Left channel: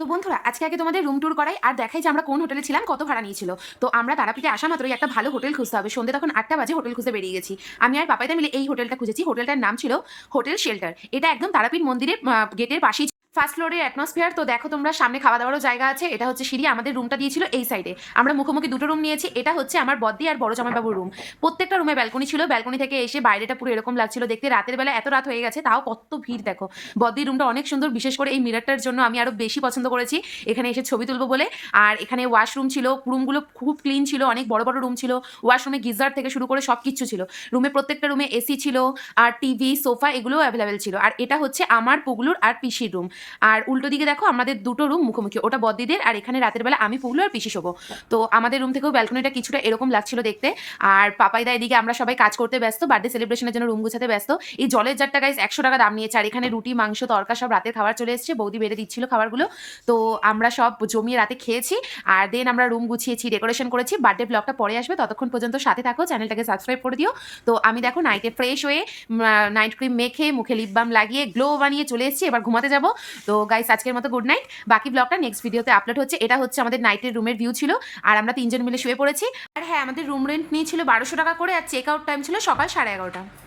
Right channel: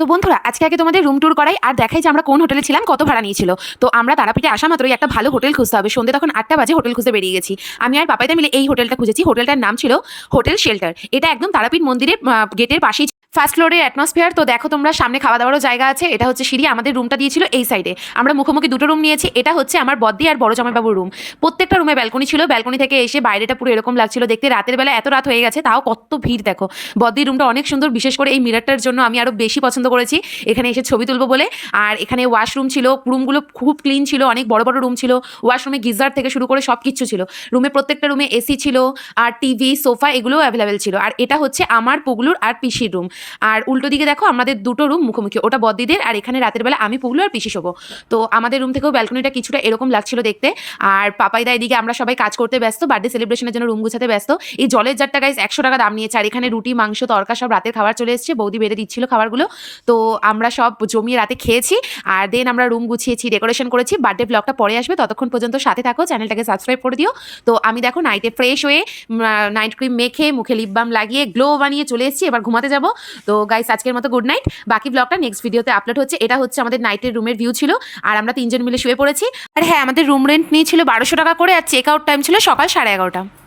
তো বন্ধুরা আজকে আগে তোমাদের রুম ট্যুর করাই আর দেখাই যে আমরা কোন হোটেলে ছিলাম, কত ভাড়া নিয়েছিল। তো আমরা তারাপীঠে আসা মাত্রই একটা ভালো হোটেল খুঁজতে হবে। সন্ধ্যে তখন 8টা বাজে, হোটেল খুঁজে বেরিয়ে গেছি। আমি আর পাপাইদা মিলে এই হোটেলটা খুঁজেছি। হোটেলটার নাম ছিল হোটেল শেল্টার। এটা একদম তারাপীঠ মন্দিরের গেটের পাশেই। ফার্স্ট ফ্লোরের অ্যাটমসফিয়ার তো দেখো তোমরা, সামনে খাওয়া দাওয়ারও জায়গা আছে। এটা হচ্ছে সিঁড়ি। আমাদের রুমটা দিয়েছিল এই সাইডে। আমরা মুখোমুখি দুটো রুম নিয়েছি। এটা হচ্ছে আমার বদ্দি আর বড় জামাইবাবুর রুম। প্রত্যেকটা রুমে ব্যালকনি ছিল। ব্যালকনি থেকে এসে বাইরেটা পুরো এরকম লাগছিল দেখতে। রাতের বেলা এত রাত হয়ে গেছে তাও কত ভিড় দেখো। বদ্দির রুমটা অনেক সুন্দর, বিশেষ করে এই মিররটার জন্য আমি আরো বেশি পছন্দ করেছি এখানে এসে ছবি তুলবো বলে। আর এখানে ওয়াশরুম ছিল, রুমগুলো খুব ক্লিন ছিল, অনেক বড় বড় রুম ছিল। ওয়াশরুমে গিজার থেকে শুরু করে সব কিছু ছিল। রুমে প্রত্যেকটা রুমে এসি ছিল, আর টিভি সোফা এগুলোও অ্যাভেলেবেল ছিল। আর এটা হচ্ছে আমার পুগলুর আর পিসির রুম। আর উল্টো দিকে দেখো আমাদের দুটো রুম মুখোমুখি, ওটা বদ্দিদের। আর এখানে রাতের বেলা আমি পুগলু আর পিসি শোবো। তো আমাদের রুম থেকেও ব্যালকনিটা কিছুটা এরকম লাগছিল দেখতে। আর পাপাইদা এদিকে, আমরা সবাই কাজ করতে ব্যস্ত, বার্থডে সেলিব্রেশনের জন্য রুম গুছাতে ব্যস্ত। এই জলের জারটা গাইস 100 টাকা দাম নিয়েছে। আর এখানে রুটি মাংস তরকা সব রাতের খাবার চলে এসেছে, বৌদি বেড়ে দিচ্ছিল খাবারগুলো। তো আমরা সব জমিয়ে রাতে খেয়েছি। আর দেন আমরা রুম গুছিয়েছি, ডেকোরেশন করেছি। বার্থডে ব্লগটা পরে আসবে, ততক্ষণ পর্যন্ত সাথে থাকো, চ্যানেলটাকে সাবস্ক্রাইব করে দিও। তো আমি দেখো নাইটে ফ্রেশ হয়ে নাইট ক্রিম মেখে মুখে লিপ বাম লাগিয়ে গ্লো বানিয়ে চলে এসেছি। এবার ঘুমাতে যাব। তো গাইস আজকের মতো গুড নাইট। বাকি ব্লগটা নেক্সট ভিডিওতে আপলোড হচ্ছে। এটা হচ্ছে আমাদের নাইটের রুমের ভিউ ছিল। আর আমরা তিনজন মিলে শুয়ে পড়েছি। আর হ্যাঁ, আমাদের রুম রেন্ট নিয়েছিল 1200 টাকা করে। আর চেক আউট টাইম ছিল সকাল 11:30।